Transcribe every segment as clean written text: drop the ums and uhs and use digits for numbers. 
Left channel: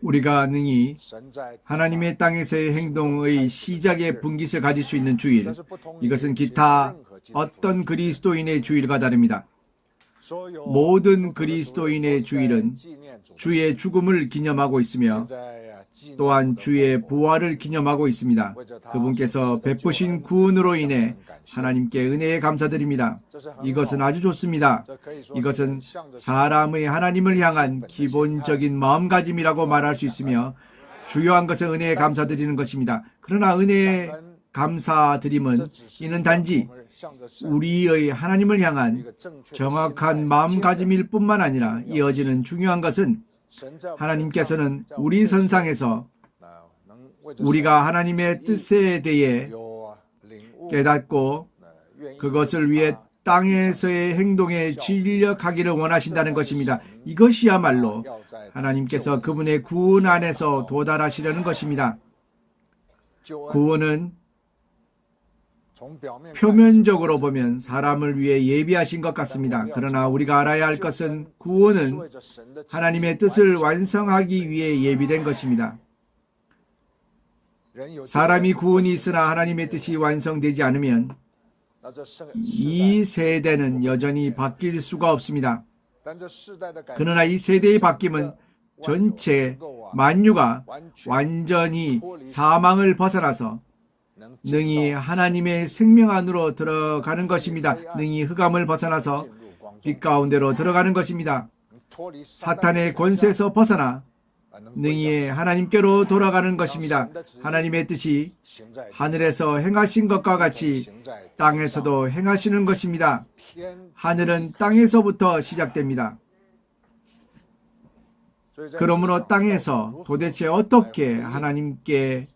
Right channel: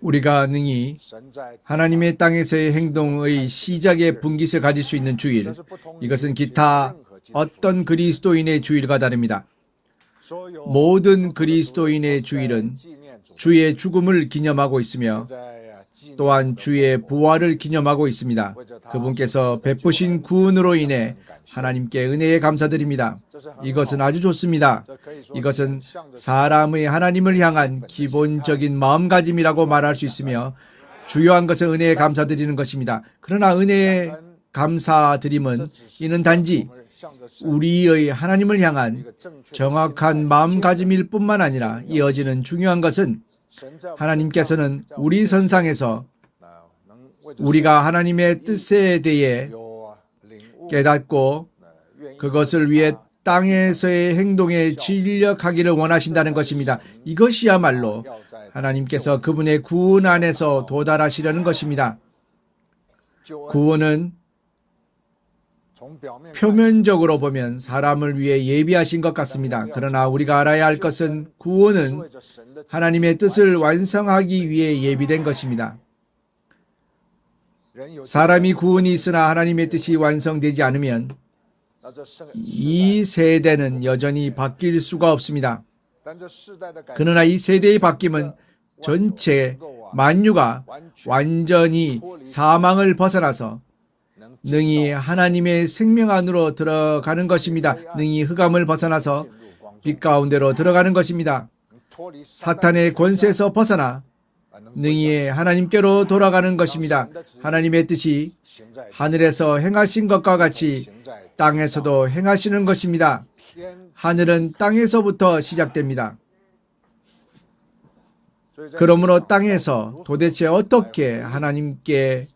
우리가 능히 하나님의 땅에서의 행동의 시작의 분깃을 가질 수 있는 주일, 이것은 기타 어떤 그리스도인의 주일과 다릅니다. 모든 그리스도인의 주일은 주의 죽음을 기념하고 있으며 또한 주의 부활을 기념하고 있습니다. 그분께서 베푸신 구원으로 인해 하나님께 은혜에 감사드립니다. 이것은 아주 좋습니다. 이것은 사람의 하나님을 향한 기본적인 마음가짐이라고 말할 수 있으며 주요한 것은 은혜에 감사드리는 것입니다. 그러나 은혜에 감사드림은 이는 단지 우리의 하나님을 향한 정확한 마음가짐일 뿐만 아니라 이어지는 중요한 것은 하나님께서는 우리 선상에서 우리가 하나님의 뜻에 대해 깨닫고 그것을 위해 땅에서의 행동에 진력하기를 원하신다는 것입니다. 이것이야말로 하나님께서 그분의 구원 안에서 도달하시려는 것입니다. 구원은 표면적으로 보면 사람을 위해 예비하신 것 같습니다. 그러나 우리가 알아야 할 것은 구원은 하나님의 뜻을 완성하기 위해 예비된 것입니다. 사람이 구원이 있으나 하나님의 뜻이 완성되지 않으면 이 세대는 여전히 바뀔 수가 없습니다. 그러나 이 세대의 바뀜은 전체 만유가 완전히 사망을 벗어나서 능히 하나님의 생명 안으로 들어가는 것입니다. 능히 흑암을 벗어나서 빛 가운데로 들어가는 것입니다. 사탄의 권세에서 벗어나 능히 하나님께로 돌아가는 것입니다. 하나님의 뜻이 하늘에서 행하신 것과 같이 땅에서도 행하시는 것입니다. 하늘은 땅에서부터 시작됩니다. 그러므로 땅에서 도대체 어떻게 하나님께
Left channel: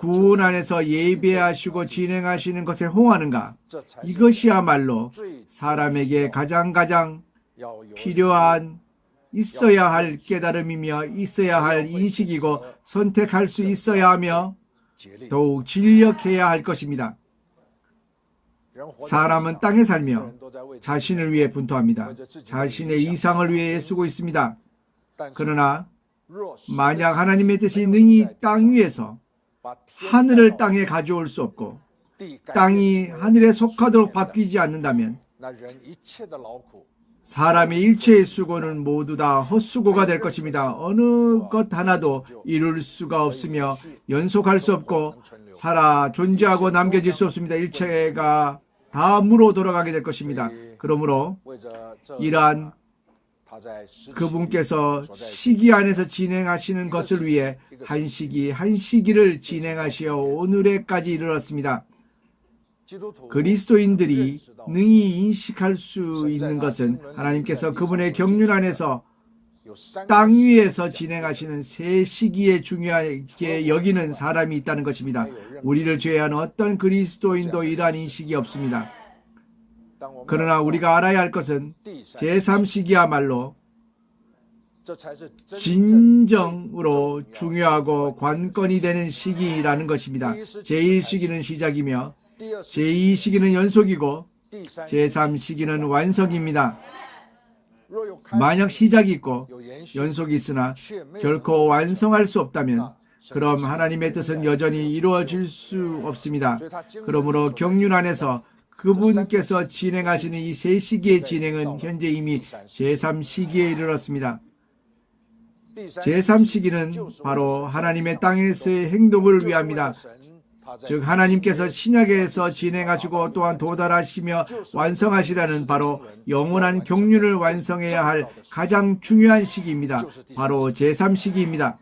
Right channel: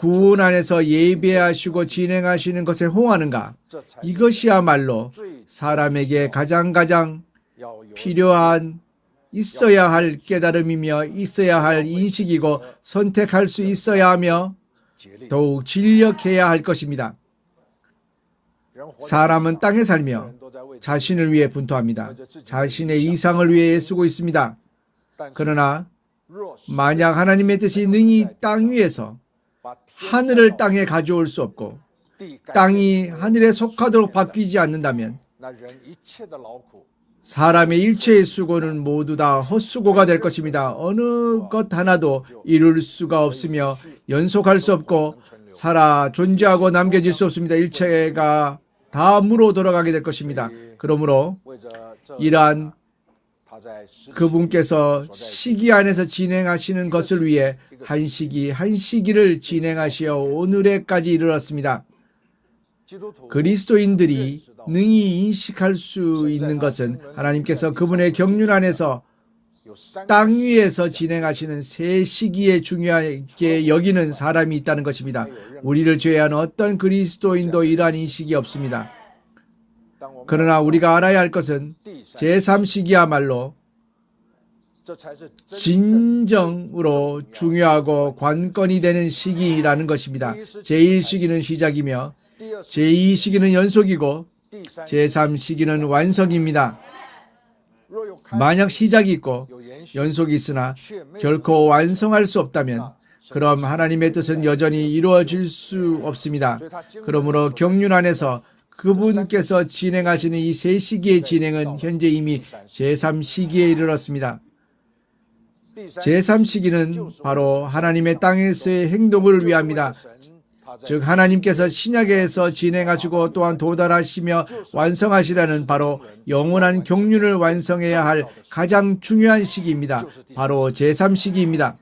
구원 안에서 예배하시고 진행하시는 것에 호응하는가? 이것이야말로 사람에게 가장 필요한 있어야 할 깨달음이며 있어야 할 인식이고 선택할 수 있어야 하며 더욱 진력해야 할 것입니다. 사람은 땅에 살며 자신을 위해 분투합니다. 자신의 이상을 위해 애쓰고 있습니다. 그러나 만약 하나님의 뜻이 능히 땅 위에서 하늘을 땅에 가져올 수 없고 땅이 하늘에 속하도록 바뀌지 않는다면 사람의 일체의 수고는 모두 다 헛수고가 될 것입니다. 어느 것 하나도 이룰 수가 없으며 연속할 수 없고 살아 존재하고 남겨질 수 없습니다. 일체가 다 무로 돌아가게 될 것입니다. 그러므로 이러한 그분께서 시기 안에서 진행하시는 것을 위해 한 시기를 진행하시어 오늘에까지 이르렀습니다. 그리스도인들이 능히 인식할 수 있는 것은 하나님께서 그분의 경륜 안에서 땅 위에서 진행하시는 새 시기에 중요하게 여기는 사람이 있다는 것입니다. 우리를 제외한 어떤 그리스도인도 이러한 인식이 없습니다. 그러나 우리가 알아야 할 것은 제3시기야말로 진정으로 중요하고 관건이 되는 시기라는 것입니다. 제1시기는 시작이며 제2시기는 연속이고 제3시기는 완성입니다. 만약 시작이 있고 연속이 있으나 결코 완성할 수 없다면 그럼 하나님의 뜻은 여전히 이루어질 수 없습니다. 그러므로 경륜 안에서 그분께서 진행하시는 이 세 시기의 진행은 현재 이미 제3시기에 이르렀습니다. 제3시기는 바로 하나님의 땅에서의 행동을 위함이다. 즉 하나님께서 신약에서 진행하시고 또한 도달하시며 완성하시라는 바로 영원한 경륜을 완성해야 할 가장 중요한 시기입니다. 바로 제3시기입니다.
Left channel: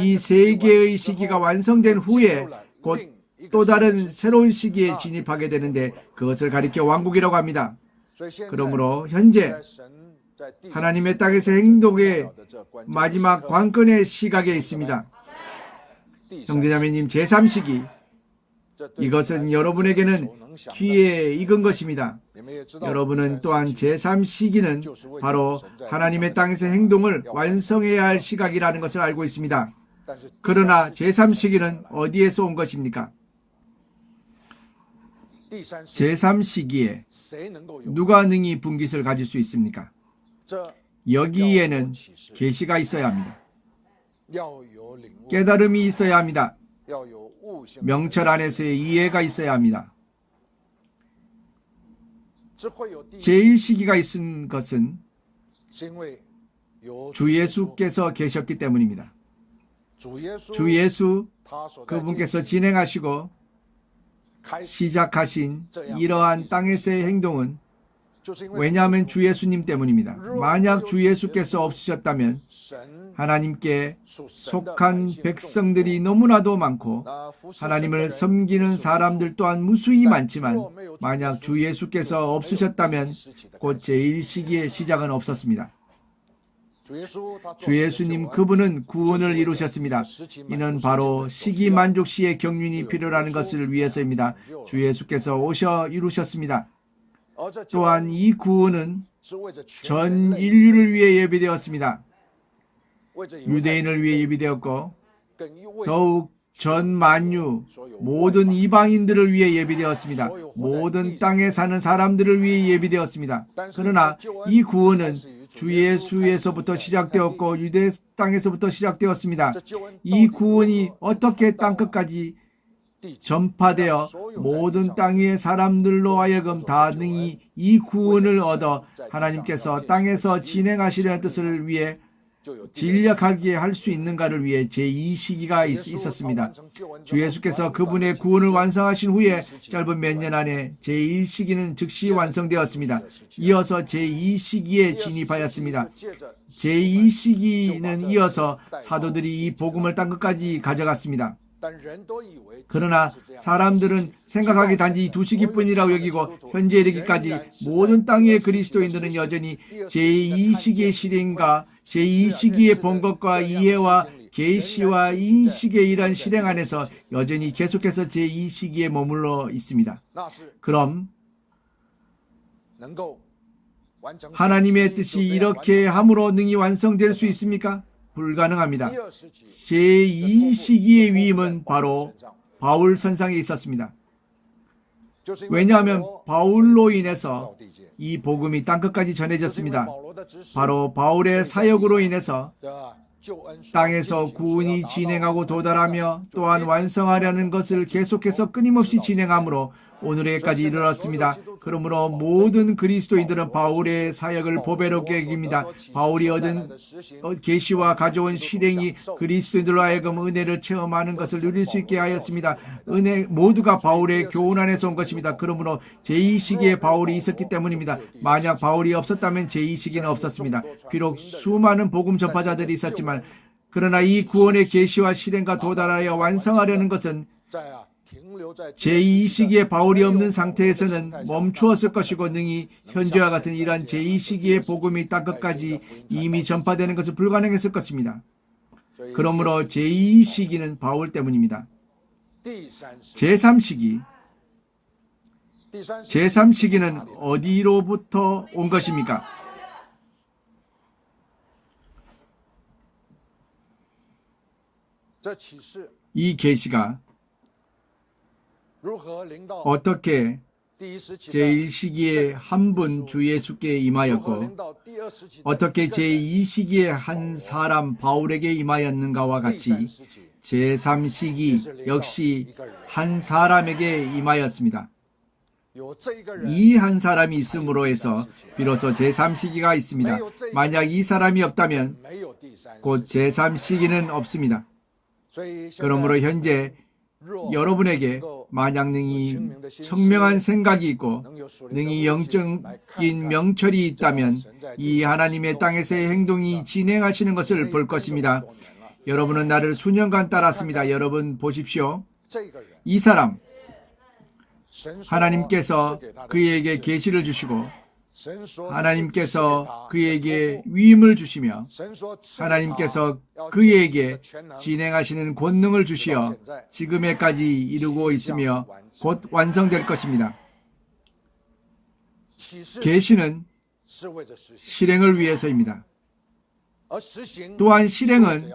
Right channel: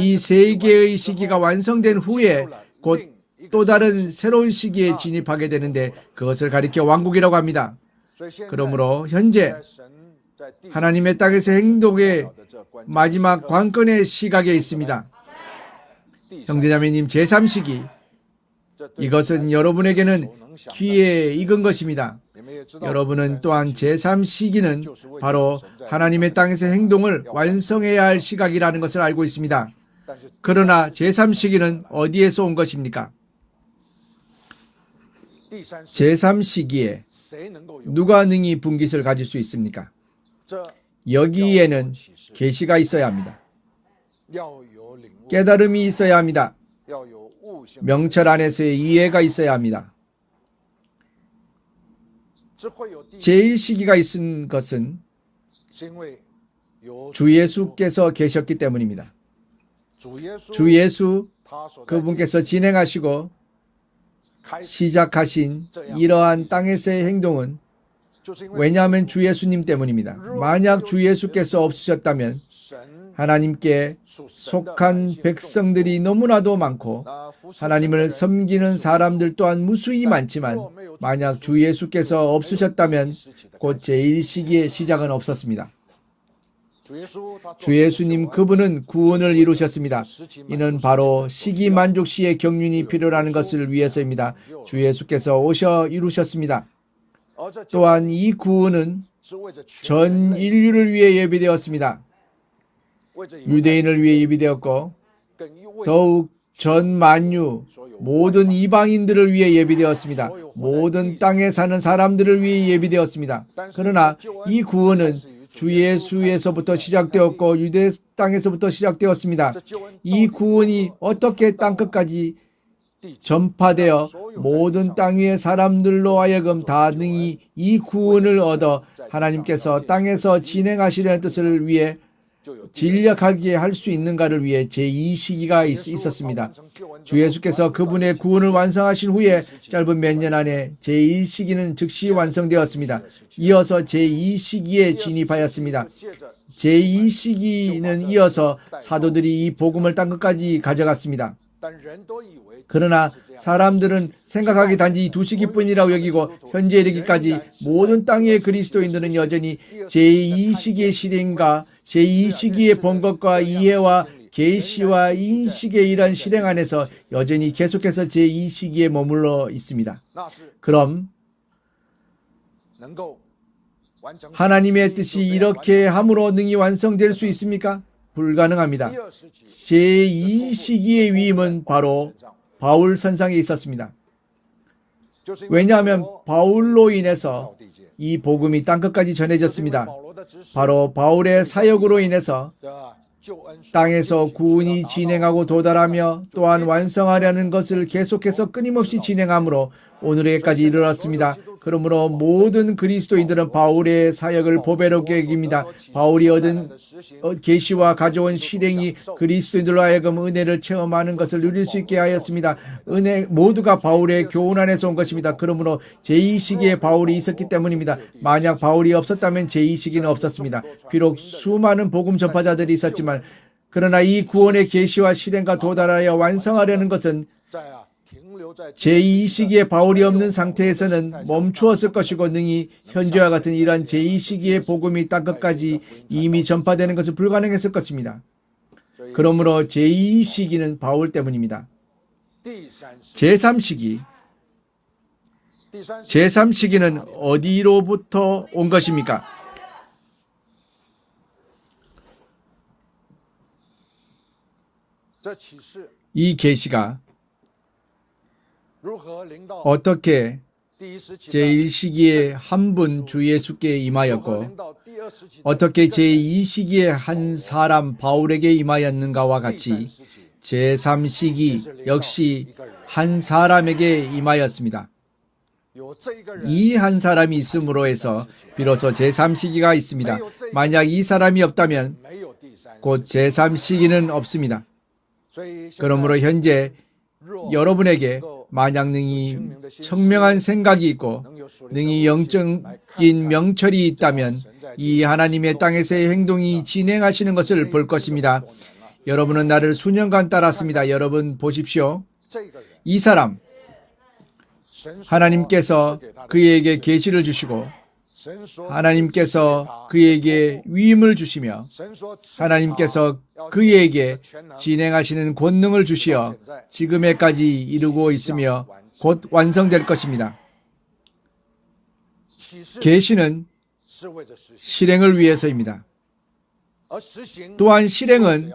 이 세 개의 시기가 완성된 후에 곧 또 다른 새로운 시기에 진입하게 되는데 그것을 가리켜 왕국이라고 합니다. 그러므로 현재 하나님의 땅에서 행동의 마지막 관건의 시각에 있습니다. 형제자매님, 제3시기, 이것은 여러분에게는 기회에 익은 것입니다. 여러분은 또한 제3시기는 바로 하나님의 땅에서 행동을 완성해야 할 시각이라는 것을 알고 있습니다. 그러나 제3시기는 어디에서 온 것입니까? 제3시기에 누가 능히 분깃을 가질 수 있습니까? 여기에는 계시가 있어야 합니다. 깨달음이 있어야 합니다. 명철 안에서의 이해가 있어야 합니다. 제1시기가 있은 것은 주 예수께서 계셨기 때문입니다. 주 예수 그분께서 진행하시고 시작하신 이러한 땅에서의 행동은 왜냐하면 주 예수님 때문입니다. 만약 주 예수께서 없으셨다면 하나님께 속한 백성들이 너무나도 많고 하나님을 섬기는 사람들 또한 무수히 많지만 만약 주 예수께서 없으셨다면 곧 제1시기의 시작은 없었습니다. 주 예수님 그분은 구원을 이루셨습니다. 이는 바로 시기만족시의 경륜이 필요라는 것을 위해서입니다. 주 예수께서 오셔 이루셨습니다. 또한 이 구원은 전 인류를 위해 예비되었습니다. 유대인을 위해 예비되었고 더욱 전 만유 모든 이방인들을 위해 예비되었습니다. 모든 땅에 사는 사람들을 위해 예비되었습니다. 그러나 이 구원은 주 예수에서부터 시작되었고 유대 땅에서부터 시작되었습니다. 이 구원이 어떻게 땅끝까지 전파되어 모든 땅 위의 사람들로 하여금 다 능히 이 구원을 얻어 하나님께서 땅에서 진행하시려는 뜻을 위해 진력하게 할 수 있는가를 위해 제2시기가 있었습니다. 주 예수께서 그분의 구원을 완성하신 후에 짧은 몇 년 안에 제1시기는 즉시 완성되었습니다. 이어서 제2시기에 진입하였습니다. 제2시기는 이어서 사도들이 이 복음을 땅끝까지 가져갔습니다. 그러나 사람들은 생각하기 단지 2시기뿐이라고 여기고 현재 이르기까지 모든 땅의 그리스도인들은 여전히 제2시기의 실행과 제2시기의 본 것과 이해와 계시와 인식의 이러한 실행 안에서 여전히 계속해서 제2시기에 머물러 있습니다. 그럼 하나님의 뜻이 이렇게 함으로 능히 완성될 수 있습니까? 불가능합니다. 제2시기의 위임은 바로 바울 선상에 있었습니다. 왜냐하면 바울로 인해서 이 복음이 땅끝까지 전해졌습니다. 바로 바울의 사역으로 인해서 땅에서 구원이 진행하고 도달하며 또한 완성하려는 것을 계속해서 끊임없이 진행하므로 오늘에까지 이르렀습니다. 그러므로 모든 그리스도인들은 바울의 사역을 보배롭게 여깁니다. 바울이 얻은 계시와 가져온 실행이 그리스도인들로 하여금 은혜를 체험하는 것을 누릴 수 있게 하였습니다. 은혜 모두가 바울의 교훈 안에서 온 것입니다. 그러므로 제2시기에 바울이 있었기 때문입니다. 만약 바울이 없었다면 제2시기는 없었습니다. 비록 수많은 복음 전파자들이 있었지만 그러나 이 구원의 계시와 실행과 도달하여 완성하려는 것은 제2시기에 바울이 없는 상태에서는 멈추었을 것이고 능히 현재와 같은 이러한 제2시기의 복음이 땅끝까지 이미 전파되는 것은 불가능했을 것입니다. 그러므로 제2시기는 바울 때문입니다. 제3시기는 어디로부터 온 것입니까? 이 계시가 어떻게 제1시기에 한 분 주 예수께 임하였고 어떻게 제2시기에 한 사람 바울에게 임하였는가와 같이 제3시기 역시 한 사람에게 임하였습니다. 이 한 사람이 있음으로 해서 비로소 제3시기가 있습니다. 만약 이 사람이 없다면 곧 제3시기는 없습니다. 그러므로 현재 여러분에게 만약 능히 청명한 생각이 있고 능히 영적인 명철이 있다면 이 하나님의 땅에서의 행동이 진행하시는 것을 볼 것입니다. 여러분은 나를 수년간 따랐습니다. 여러분 보십시오. 이 사람 하나님께서 그에게 계시를 주시고 하나님께서 그에게 위임을 주시며 하나님께서 그에게 진행하시는 권능을 주시어 지금에까지 이루고 있으며 곧 완성될 것입니다. 계시는 실행을 위해서입니다. 또한 실행은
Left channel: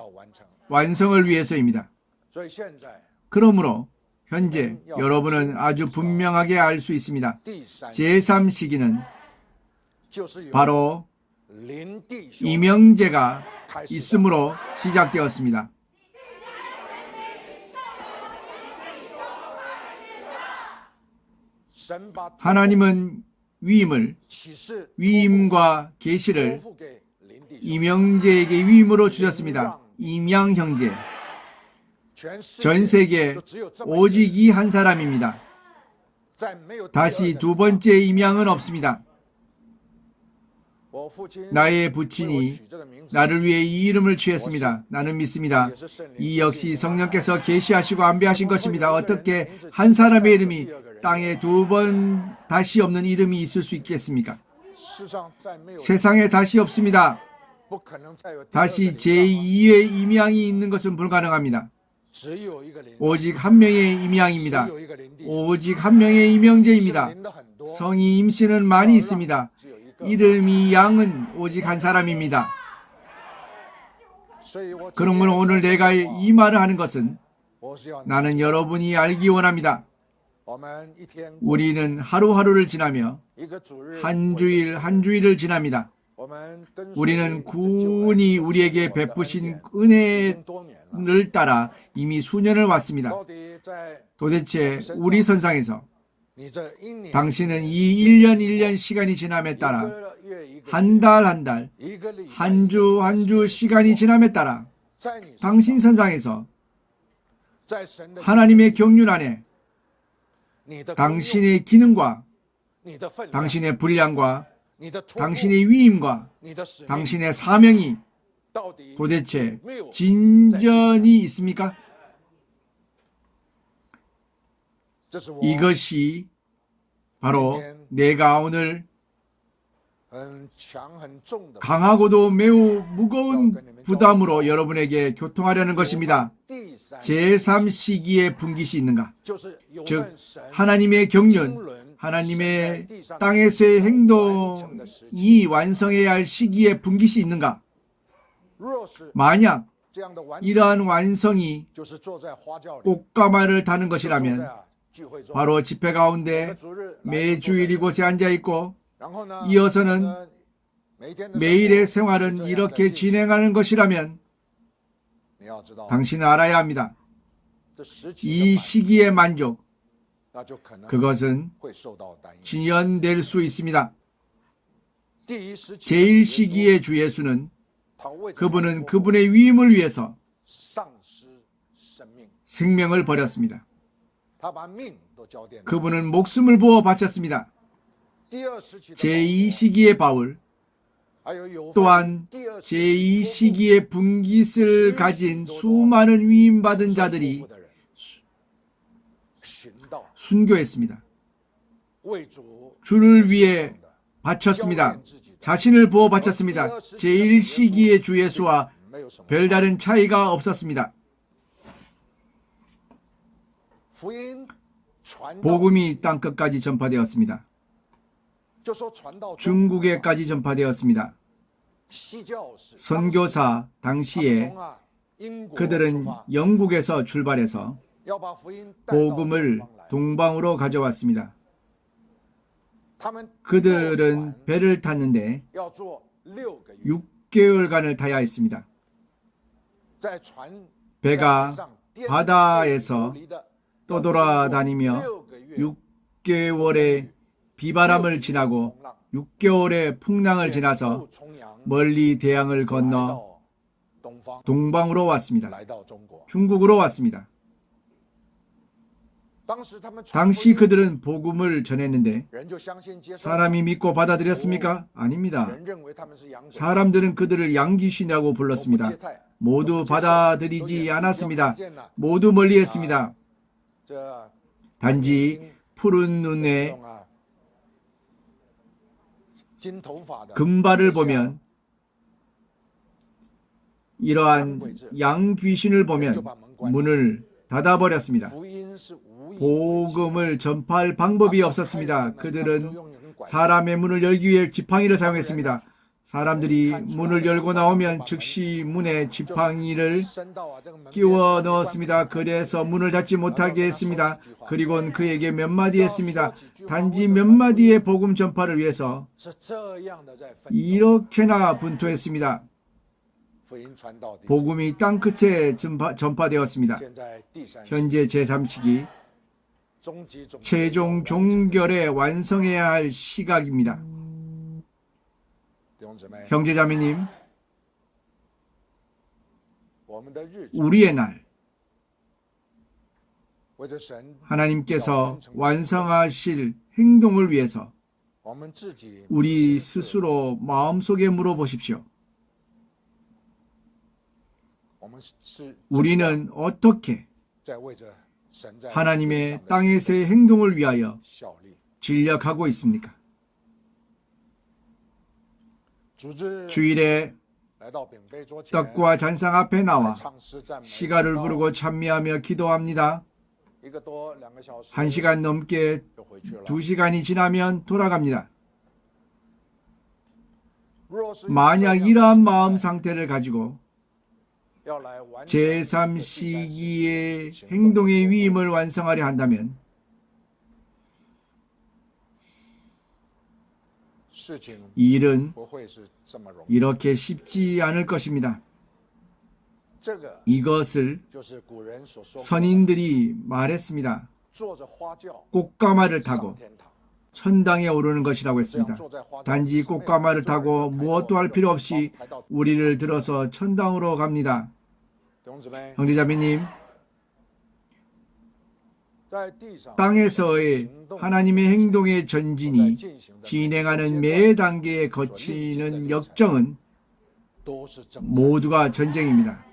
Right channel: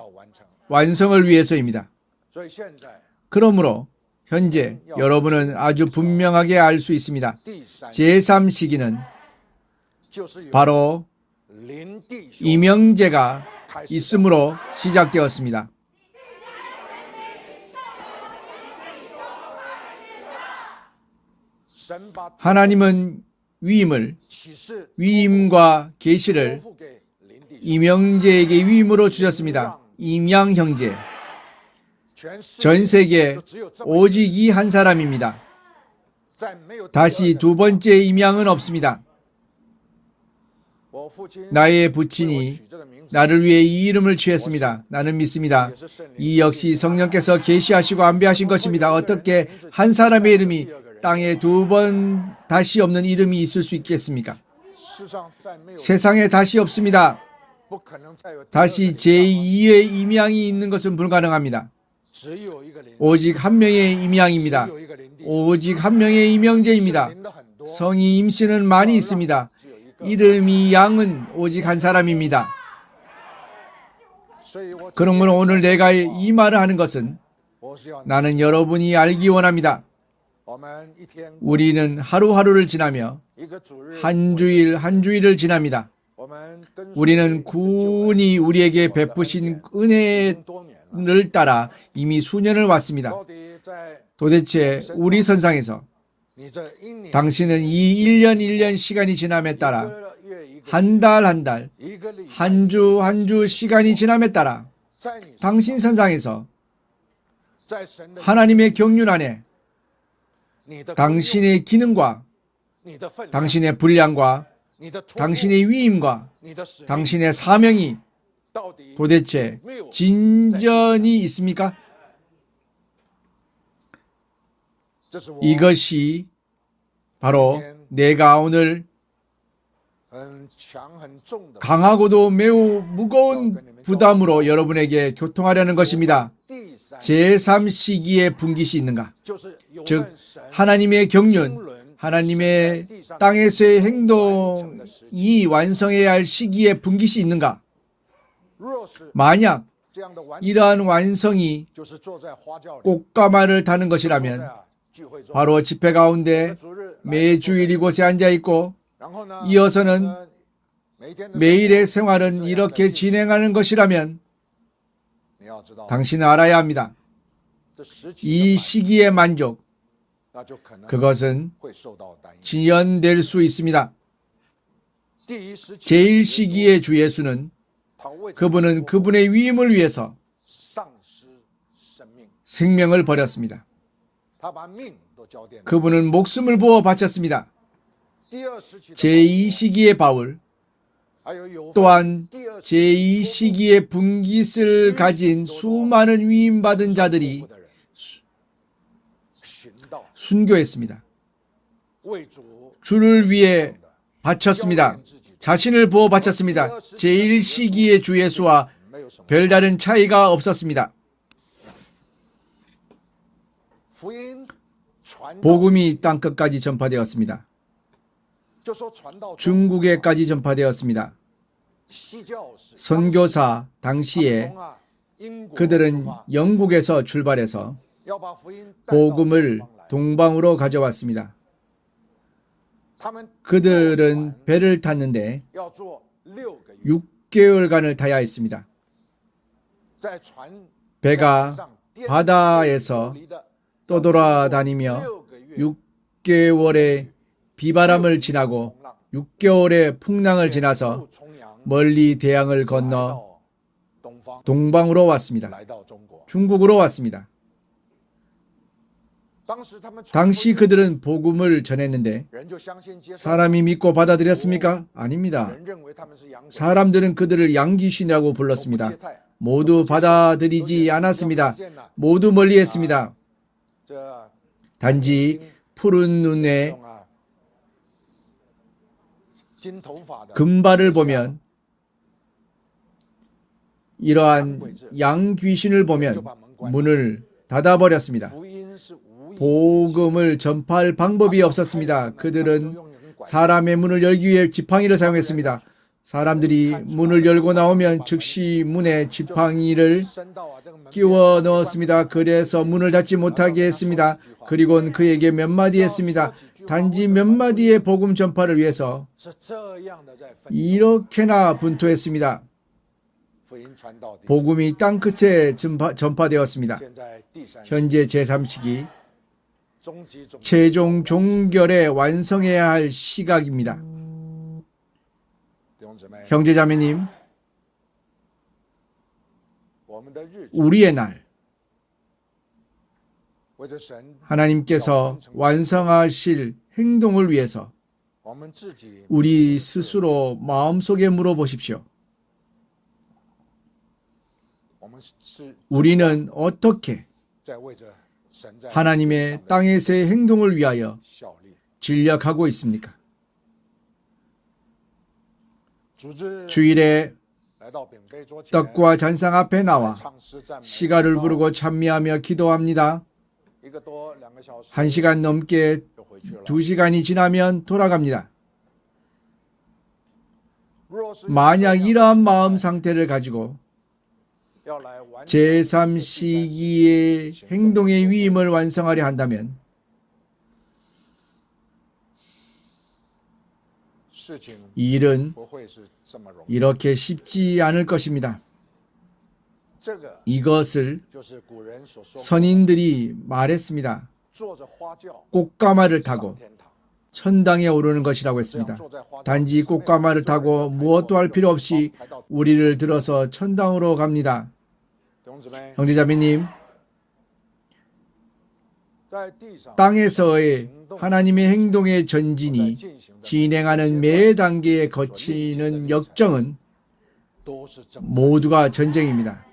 완성을 위해서입니다. 그러므로 현재 여러분은 아주 분명하게 알 수 있습니다. 제3시기는 바로 이명제가 있음으로 시작되었습니다. 하나님은 위임과 계시를 이명제에게 위임으로 주셨습니다. 임양 형제. 전 세계 오직 이 한 사람입니다. 다시 두 번째 임양은 없습니다. 나의 부친이 나를 위해 이 이름을 취했습니다. 나는 믿습니다. 이 역시 성령께서 계시하시고 안배하신 것입니다. 어떻게 한 사람의 이름이 땅에 두 번 다시 없는 이름이 있을 수 있겠습니까? 세상에 다시 없습니다. 다시 제2의 임양이 있는 것은 불가능합니다. 오직 한 명의 임양입니다. 오직 한 명의 임영제입니다. 성이 임신은 많이 있습니다. 이름이 양은 오직 한 사람입니다. 그러므로 오늘 내가 이 말을 하는 것은 나는 여러분이 알기 원합니다. 우리는 하루하루를 지나며 한 주일 한 주일을 지납니다. 우리는 꾸준히 우리에게 베푸신 은혜를 따라 이미 수년을 왔습니다. 도대체 우리 선상에서 당신은 이 1년 1년 시간이 지남에 따라 한 달 한 달, 한 주 한 주 시간이 지남에 따라 당신 선상에서 하나님의 경륜 안에 당신의 기능과 당신의 분량과 당신의 위임과 당신의 사명이 도대체 진전이 있습니까? 이것이 바로 내가 오늘 강하고도 매우 무거운 부담으로 여러분에게 교통하려는 것입니다. 제3시기의 분깃이 있는가? 즉 하나님의 경륜, 하나님의 땅에서의 행동이 완성해야 할 시기에 분깃이 있는가? 만약 이러한 완성이 꽃가마를 다는 것이라면 바로 집회 가운데 매주일 이곳에 앉아있고 이어서는 매일의 생활은 이렇게 진행하는 것이라면 당신은 알아야 합니다. 이 시기의 만족, 그것은 지연될 수 있습니다. 제1시기의 주 예수는 그분은 그분의 위임을 위해서 생명을 버렸습니다. 그분은 목숨을 부어 바쳤습니다. 제2시기의 바울 또한 제2시기의 분깃을 가진 수많은 위임받은 자들이 순교했습니다. 주를 위해 바쳤습니다. 자신을 부어 바쳤습니다. 제1시기의 주 예수와 별다른 차이가 없었습니다. 복음이 땅끝까지 전파되었습니다. 중국에까지 전파되었습니다. 선교사 당시에 그들은 영국에서 출발해서 복음을 동방으로 가져왔습니다. 그들은 배를 탔는데 6개월간을 타야 했습니다. 배가 바다에서 떠돌아다니며 6개월의 비바람을 지나고 6개월의 풍랑을 지나서 멀리 대양을 건너 동방으로 왔습니다. 중국으로 왔습니다. 당시 그들은 복음을 전했는데 사람이 믿고 받아들였습니까? 아닙니다. 사람들은 그들을 양귀신이라고 불렀습니다. 모두 받아들이지 않았습니다. 모두 멀리했습니다. 단지 푸른 눈에 금발을 보면 이러한 양귀신을 보면 문을 닫아버렸습니다. 복음을 전파할 방법이 없었습니다. 그들은 사람의 문을 열기 위해 지팡이를 사용했습니다. 사람들이 문을 열고 나오면 즉시 문에 지팡이를 끼워 넣었습니다. 그래서 문을 닫지 못하게 했습니다. 그리고는 그에게 몇 마디 했습니다. 단지 몇 마디의 복음 전파를 위해서 이렇게나 분투했습니다. 복음이 땅끝에 전파되었습니다. 현재 제3시기 최종 종결에 완성해야 할 시각입니다. 형제자매님, 우리의 날, 하나님께서 완성하실 행동을 위해서 우리 스스로 마음속에 물어보십시오. 우리는 어떻게 하나님의 땅에서의 행동을 위하여 진력하고 있습니까? 주일에 떡과 잔상 앞에 나와 시가를 부르고 찬미하며 기도합니다. 1시간 넘게 2시간이 지나면 돌아갑니다. 만약 이러한 마음 상태를 가지고 제3시기의 행동의 위임을 완성하려 한다면 이 일은 이렇게 쉽지 않을 것입니다. 이것을 선인들이 말했습니다. 꽃가마를 타고 천당에 오르는 것이라고 했습니다. 단지 꽃가마를 타고 무엇도 할 필요 없이 우리를 들어서 천당으로 갑니다. 형제자매님, 땅에서의 하나님의 행동의 전진이 진행하는 매 단계에 거치는 역정은 모두가 전쟁입니다.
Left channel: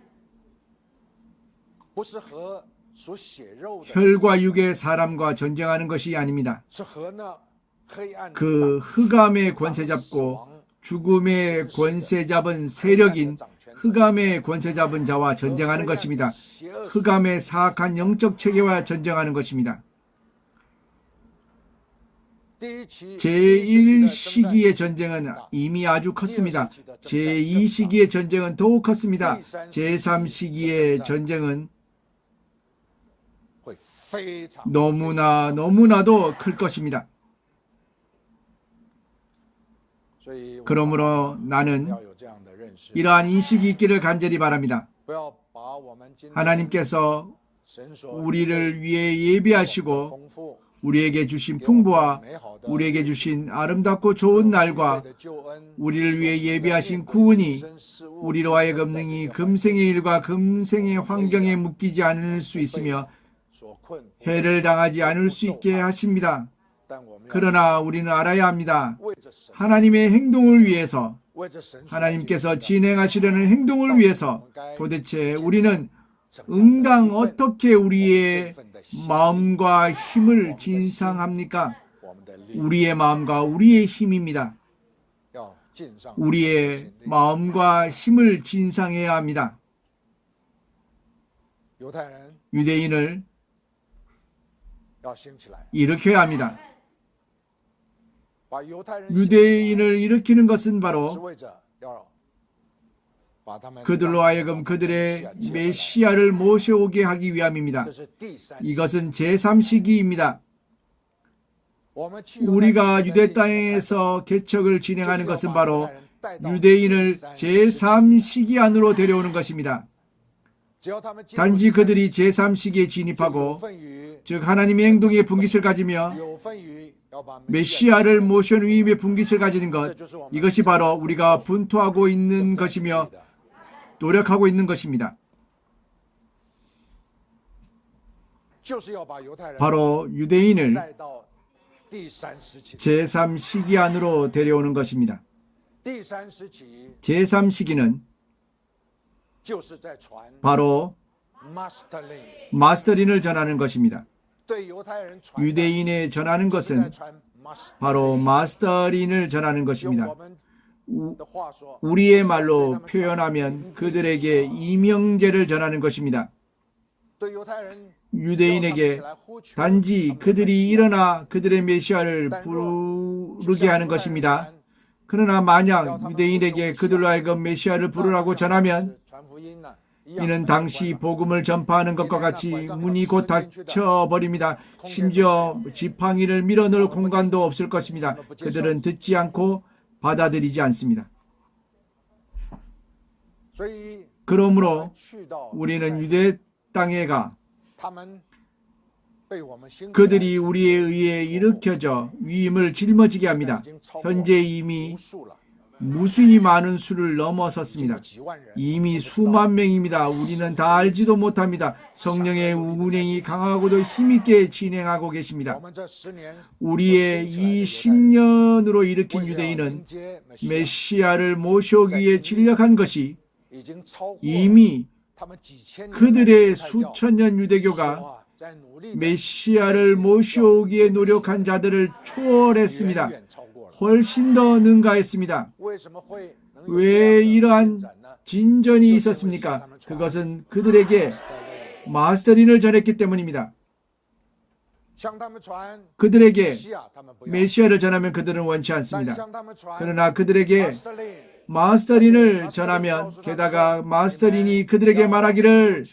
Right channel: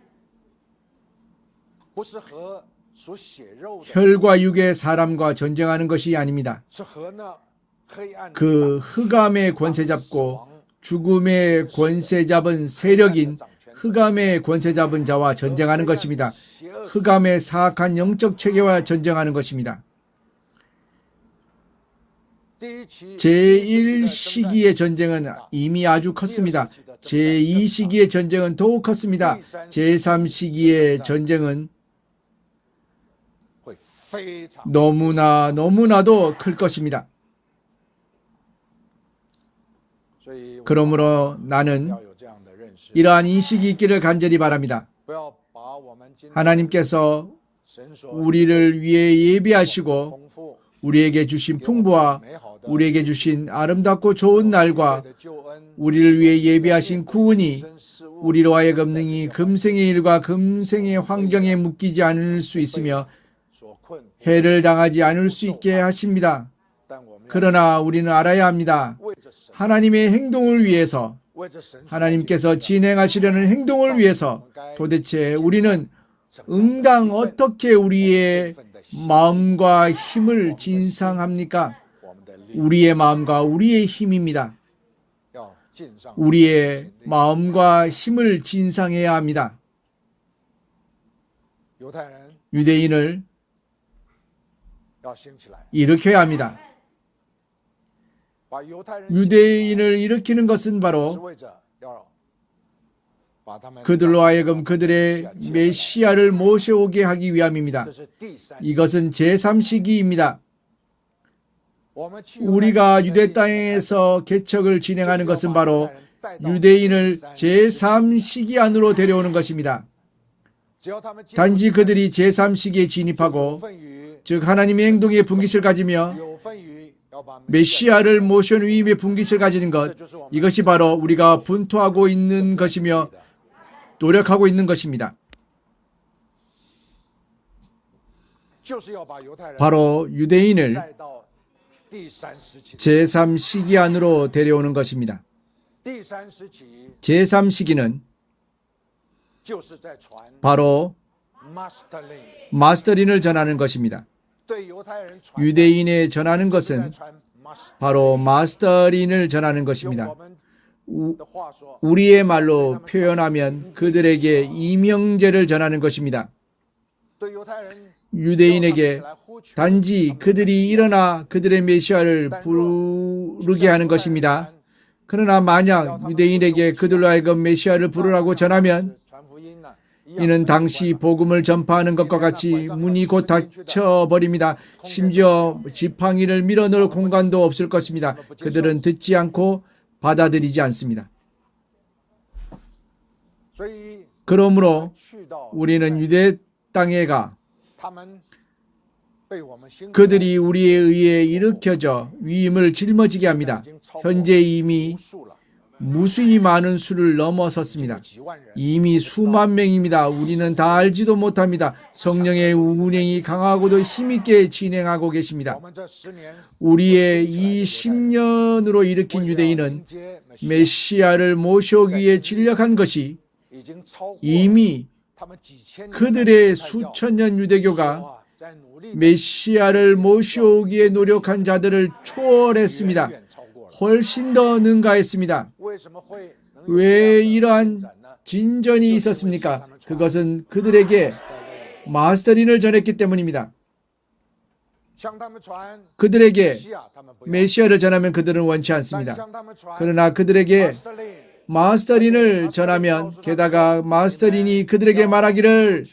혈과 육의 사람과 전쟁하는 것이 아닙니다. 그 흑암의 권세 잡고 죽음의 권세 잡은 세력인 흑암의 권세 잡은 자와 전쟁하는 것입니다. 흑암의 사악한 영적 체계와 전쟁하는 것입니다. 제1시기의 전쟁은 이미 아주 컸습니다. 제2시기의 전쟁은 더욱 컸습니다. 제3시기의 전쟁은 너무나도 클 것입니다. 그러므로 나는 이러한 인식이 있기를 간절히 바랍니다. 하나님께서 우리를 위해 예비하시고 우리에게 주신 풍부와 우리에게 주신 아름답고 좋은 날과 우리를 위해 예비하신 구원이 우리로 하여금 능히 금생의 일과 금생의 환경에 묶이지 않을 수 있으며 해를 당하지 않을 수 있게 하십니다. 그러나 우리는 알아야 합니다. 하나님의 행동을 위해서, 하나님께서 진행하시려는 행동을 위해서 도대체 우리는 응당 어떻게 우리의 마음과 힘을 진상합니까? 우리의 마음과 우리의 힘입니다. 우리의 마음과 힘을 진상해야 합니다. 유대인을 일으켜야 합니다. 유대인을 일으키는 것은 바로 그들로 하여금 그들의 메시아를 모셔오게 하기 위함입니다. 이것은 제3시기입니다. 우리가 유대 땅에서 개척을 진행하는 것은 바로 유대인을 제3시기 안으로 데려오는 것입니다. 단지 그들이 제3시기에 진입하고, 즉 하나님의 행동의 분깃을 가지며 메시아를 모셔온 위임의 분깃을 가지는 것, 이것이 바로 우리가 분투하고 있는 것이며 노력하고 있는 것입니다. 바로 유대인을 제3시기 안으로 데려오는 것입니다. 제3시기는 바로 마스터린을 전하는 것입니다. 유대인에 전하는 것은 바로 마스터린을 전하는 것입니다. 우리의 말로 표현하면 그들에게 이명제를 전하는 것입니다. 유대인에게 단지 그들이 일어나 그들의 메시아를 부르게 하는 것입니다. 그러나 만약 유대인에게 그들로 하여금 메시아를 부르라고 전하면 이는 당시 복음을 전파하는 것과 같이 문이 곧 닫혀버립니다. 심지어 지팡이를 밀어넣을 공간도 없을 것입니다. 그들은 듣지 않고 받아들이지 않습니다. 그러므로 우리는 유대 땅에 가 그들이 우리에 의해 일으켜져 위임을 짊어지게 합니다. 현재 이미 무수히 많은 수를 넘어섰습니다. 이미 수만 명입니다. 우리는 다 알지도 못합니다. 성령의 운행이 강하고도 힘있게 진행하고 계십니다. 우리의 이 10년으로 일으킨 유대인은 메시아를 모셔오기 위해 진력한 것이 이미 그들의 수천 년 유대교가 메시아를 모셔오기에 노력한 자들을 초월했습니다. 훨씬 더 능가했습니다. 왜 이러한 진전이 있었습니까? 그것은 그들에게 마스터린을 전했기 때문입니다. 그들에게 메시아를 전하면 그들은 원치 않습니다. 그러나 그들에게 마스터린을 전하면 게다가 마스터린이 그들에게 말하기를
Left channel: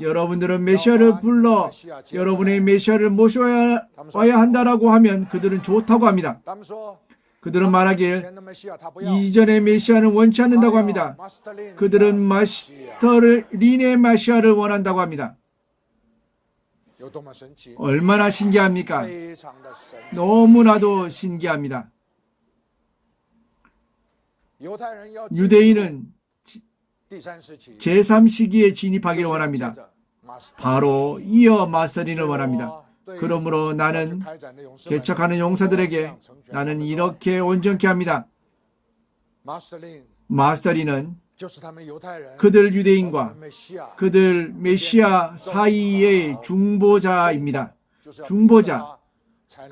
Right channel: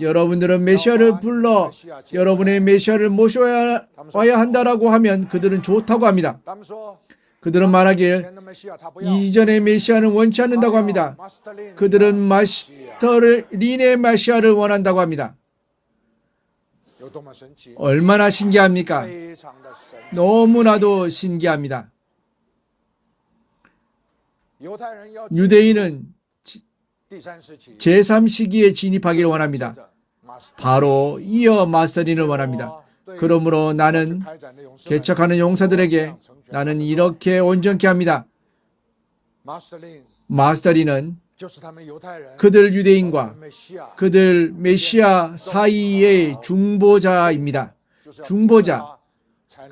여러분들은 메시아를 불러 여러분의 메시아를 모셔야 한다라고 하면 그들은 좋다고 합니다. 그들은 말하길 이전의 메시아는 원치 않는다고 합니다. 그들은 마스터린의 메시아를 원한다고 합니다. 얼마나 신기합니까? 너무나도 신기합니다. 유대인은 제3시기에 진입하기를 원합니다. 바로 이어 마스터린을 원합니다. 그러므로 나는 개척하는 용사들에게 나는 이렇게 온전케 합니다. 마스터린은 그들 유대인과 그들 메시아 사이의 중보자입니다. 중보자.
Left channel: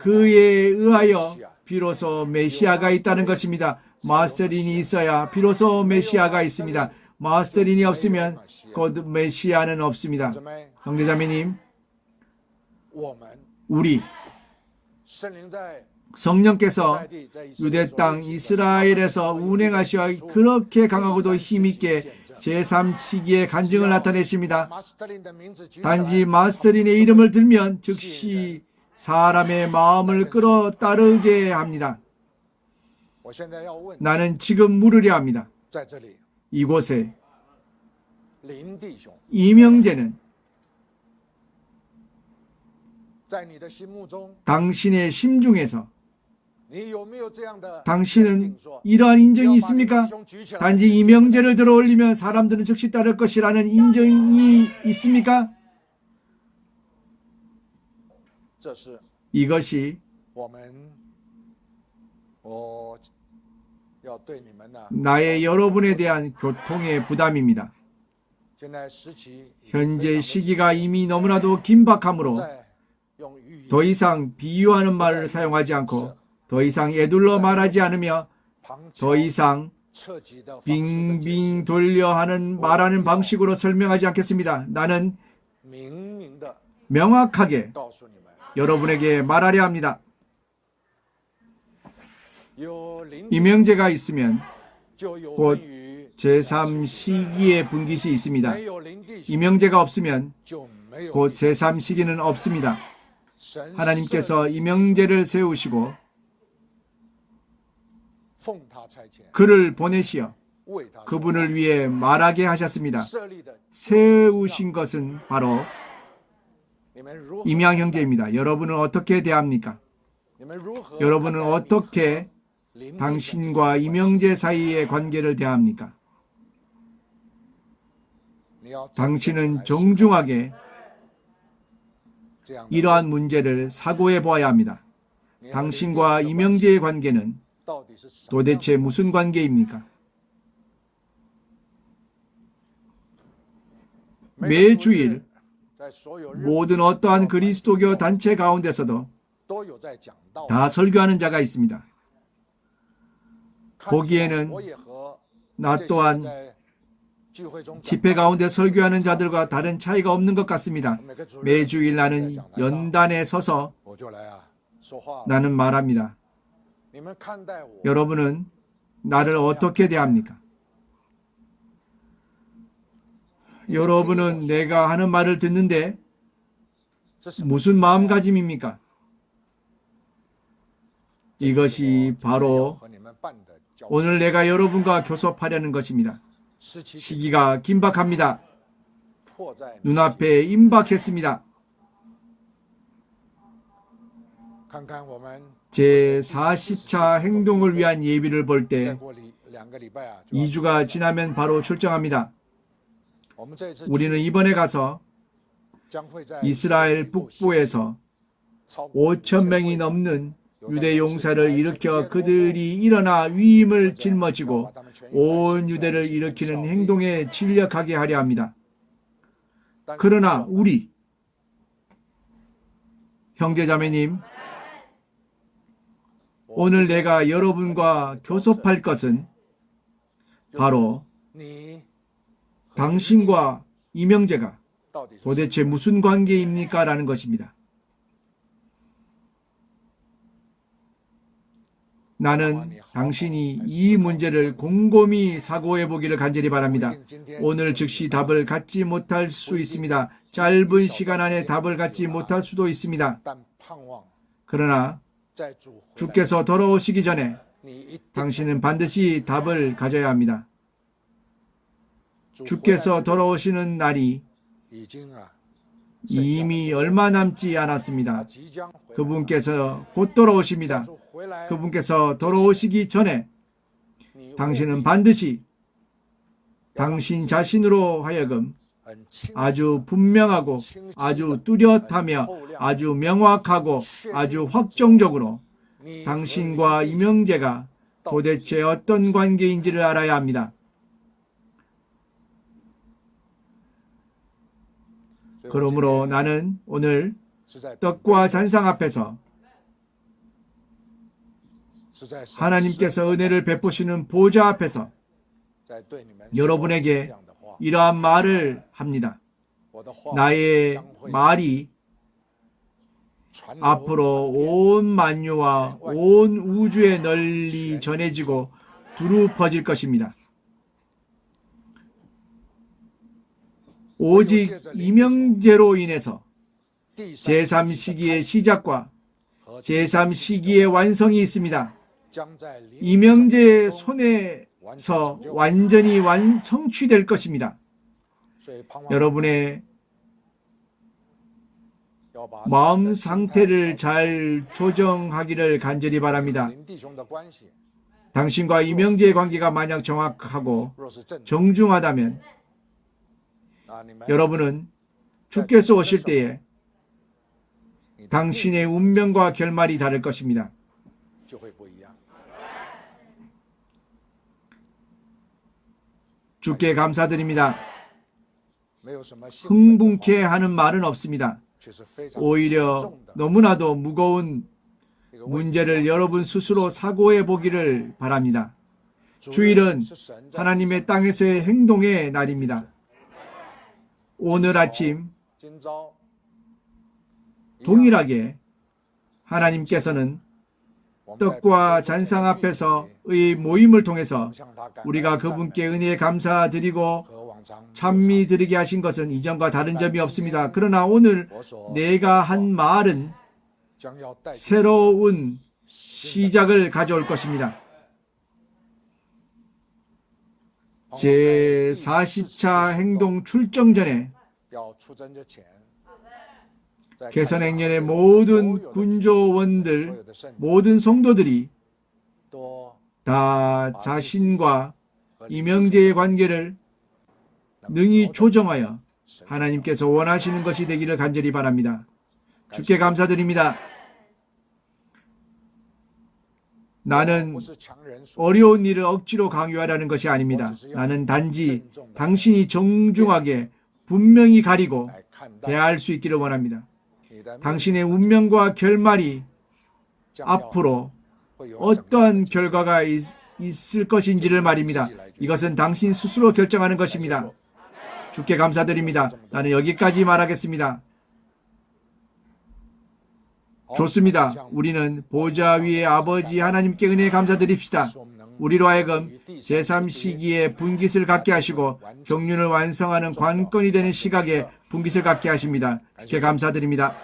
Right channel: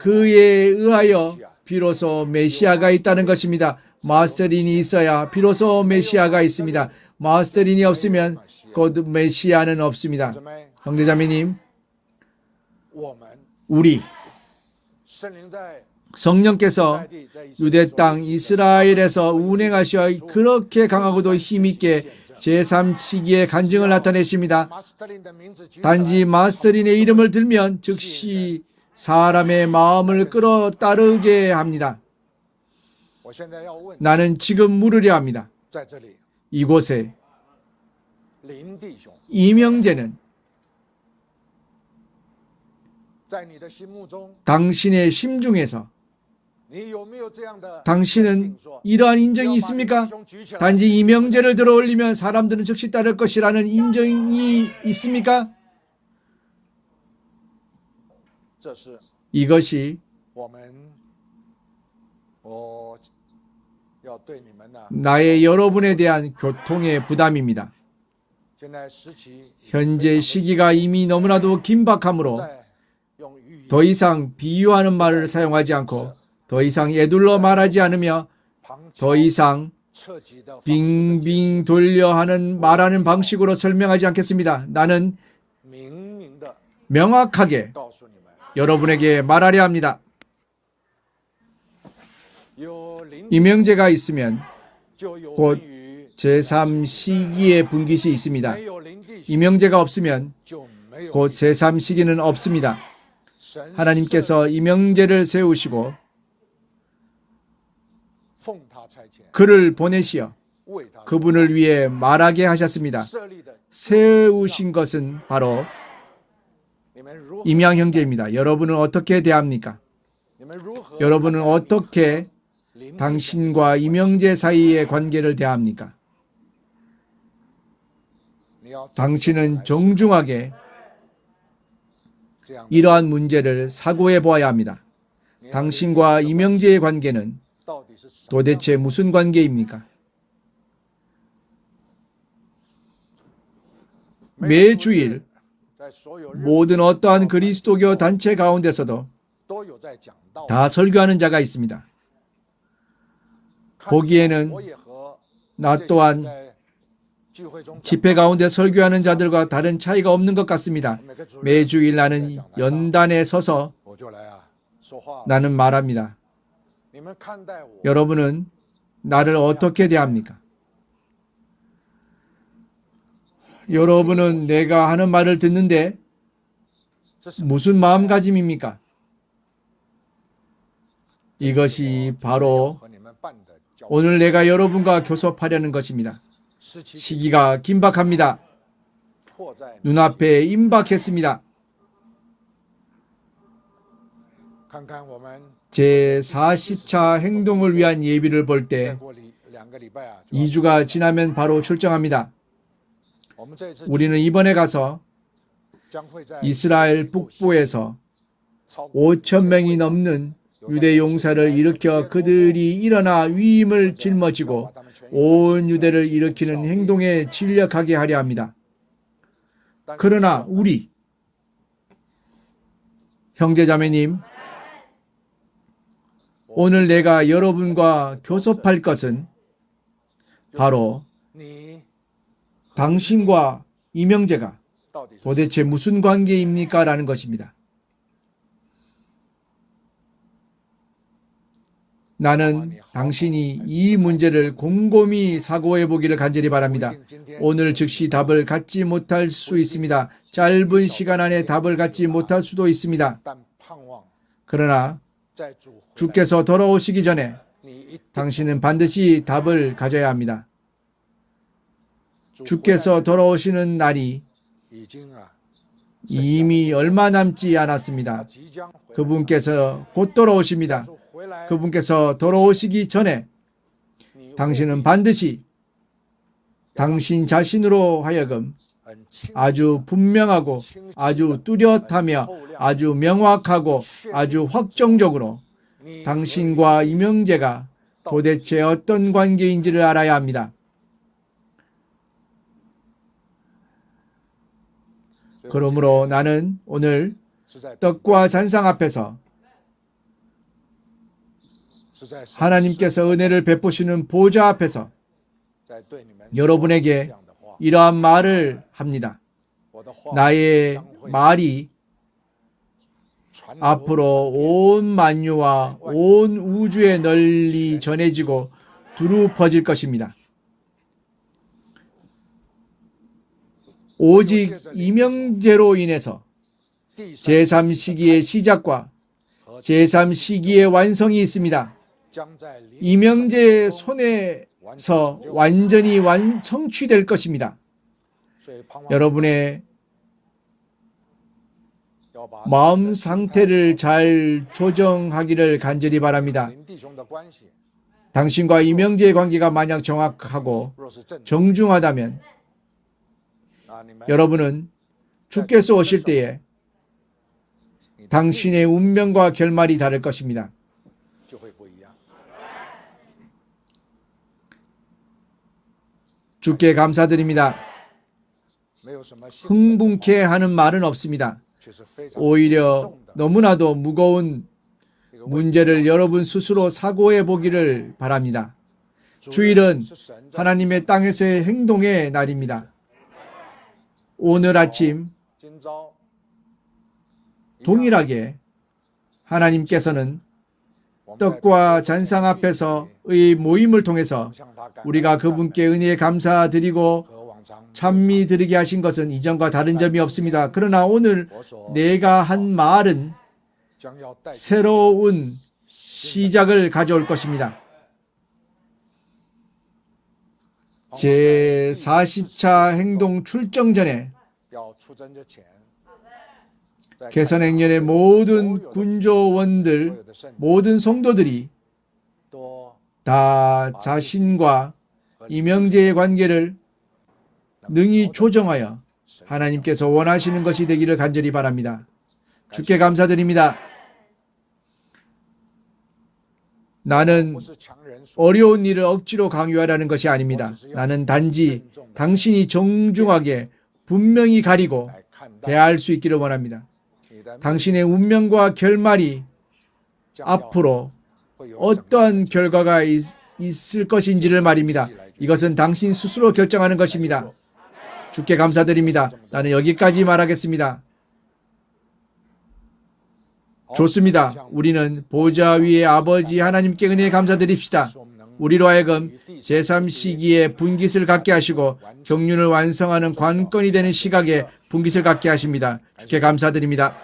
그에 의하여 비로소 메시아가 있다는 것입니다. 마스터린이 있어야 비로소 메시아가 있습니다. 마스터린이 없으면 곧 메시아는 없습니다. 형제자매님, 우리 성령께서 유대 땅 이스라엘에서 운행하시어 그렇게 강하고도 힘있게 제3시기의 간증을 나타내십니다. 단지 마스터린의 이름을 들면 즉시 사람의 마음을 끌어 따르게 합니다. 나는 지금 물으려 합니다. 이곳에 이명재는 당신의 심중에서 당신은 이러한 인정이 있습니까? 단지 이명재를 들어 올리면 사람들은 즉시 따를 것이라는 인정이 있습니까? 이것이 나의 여러분에 대한 교통의 부담입니다. 현재 시기가 이미 너무나도 긴박하므로 더 이상 비유하는 말을 사용하지 않고 더 이상 에둘러 말하지 않으며 더 이상 빙빙 돌려 말하는 방식으로 설명하지 않겠습니다. 나는 명확하게 여러분에게 말하려 합니다. 이명재가 있으면 곧 제3시기의 분깃이 있습니다. 이명재가 없으면 곧 제3시기는 없습니다. 하나님께서 이명재를 세우시고 그를 보내시어 그분을 위해 말하게 하셨습니다. 세우신 것은 바로 임양 형제입니다. 여러분은 어떻게 대합니까? 여러분은 어떻게 당신과 이명재 사이의 관계를 대합니까? 당신은 정중하게 이러한 문제를 사고해 보아야 합니다. 당신과 이명재의 관계는 도대체 무슨 관계입니까? 매주일 모든 어떠한 그리스도교 단체 가운데서도 다 설교하는 자가 있습니다. 보기에는 나 또한 집회 가운데 설교하는 자들과 다른 차이가 없는 것 같습니다. 매주일 나는 연단에 서서 나는 말합니다. 여러분은 나를 어떻게 대합니까? 여러분은 내가 하는 말을 듣는데 무슨 마음가짐입니까? 이것이 바로 오늘 내가 여러분과 교섭하려는 것입니다. 시기가 긴박합니다. 눈앞에 임박했습니다. 제 40차 행동을 위한 예비를 볼 때 2주가 지나면 바로 출정합니다. 우리는 이번에 가서 이스라엘 북부에서 5천 명이 넘는 유대 용사를 일으켜 그들이 일어나 위임을 짊어지고 온 유대를 일으키는 행동에 진력하게 하려 합니다. 그러나 우리 형제자매님, 오늘 내가 여러분과 교섭할 것은 바로 당신과 이명재가 도대체 무슨 관계입니까? 라는 것입니다. 나는 당신이 이 문제를 곰곰이 사고해 보기를 간절히 바랍니다. 오늘 즉시 답을 갖지 못할 수 있습니다. 짧은 시간 안에 답을 갖지 못할 수도 있습니다. 그러나 주께서 돌아오시기 전에 당신은 반드시 답을 가져야 합니다. 주께서 돌아오시는 날이 이미 얼마 남지 않았습니다. 그분께서 곧 돌아오십니다. 그분께서 돌아오시기 전에 당신은 반드시 당신 자신으로 하여금 아주 분명하고 아주 뚜렷하며 아주 명확하고 아주 확정적으로 당신과 이명재가 도대체 어떤 관계인지를 알아야 합니다. 그러므로 나는 오늘 떡과 잔상 앞에서 하나님께서 은혜를 베푸시는 보좌 앞에서 여러분에게 이러한 말을 합니다. 나의 말이 앞으로 온 만유와 온 우주에 널리 전해지고 두루 퍼질 것입니다. 오직 이명재로 인해서 제3시기의 시작과 제3시기의 완성이 있습니다. 이명재의 손에서 완전히 성취될 것입니다. 여러분의 마음 상태를 잘 조정하기를 간절히 바랍니다. 당신과 이명재의 관계가 만약 정확하고 정중하다면 여러분은 주께서 오실 때에 당신의 운명과 결말이 다를 것입니다. 주께 감사드립니다. 흥분케 하는 말은 없습니다. 오히려 너무나도 무거운 문제를 여러분 스스로 사고해 보기를 바랍니다. 주일은 하나님의 땅에서의 행동의 날입니다. 오늘 아침 동일하게 하나님께서는 떡과 잔상 앞에서의 모임을 통해서 우리가 그분께 은혜에 감사드리고 찬미 드리게 하신 것은 이전과 다른 점이 없습니다. 그러나 오늘 내가 한 말은 새로운 시작을 가져올 것입니다. 제 40차 행동 출정 전에 개선행년의 모든 군조원들, 모든 성도들이 다 자신과 이명재의 관계를 능히 조정하여 하나님께서 원하시는 것이 되기를 간절히 바랍니다. 주께 감사드립니다. 나는 어려운 일을 억지로 강요하라는 것이 아닙니다. 나는 단지 당신이 정중하게 분명히 가리고 대할 수 있기를 원합니다. 당신의 운명과 결말이 앞으로 어떠한 결과가 있을 것인지를 말입니다. 이것은 당신 스스로 결정하는 것입니다. 주께 감사드립니다. 나는 여기까지 말하겠습니다. 좋습니다. 우리는 보좌 위의 아버지 하나님께 은혜 감사드립시다. 우리로 하여금 제3시기에 분깃을 갖게 하시고 경륜을 완성하는 관건이 되는 시각에 분깃을 갖게 하십니다. 주께 감사드립니다.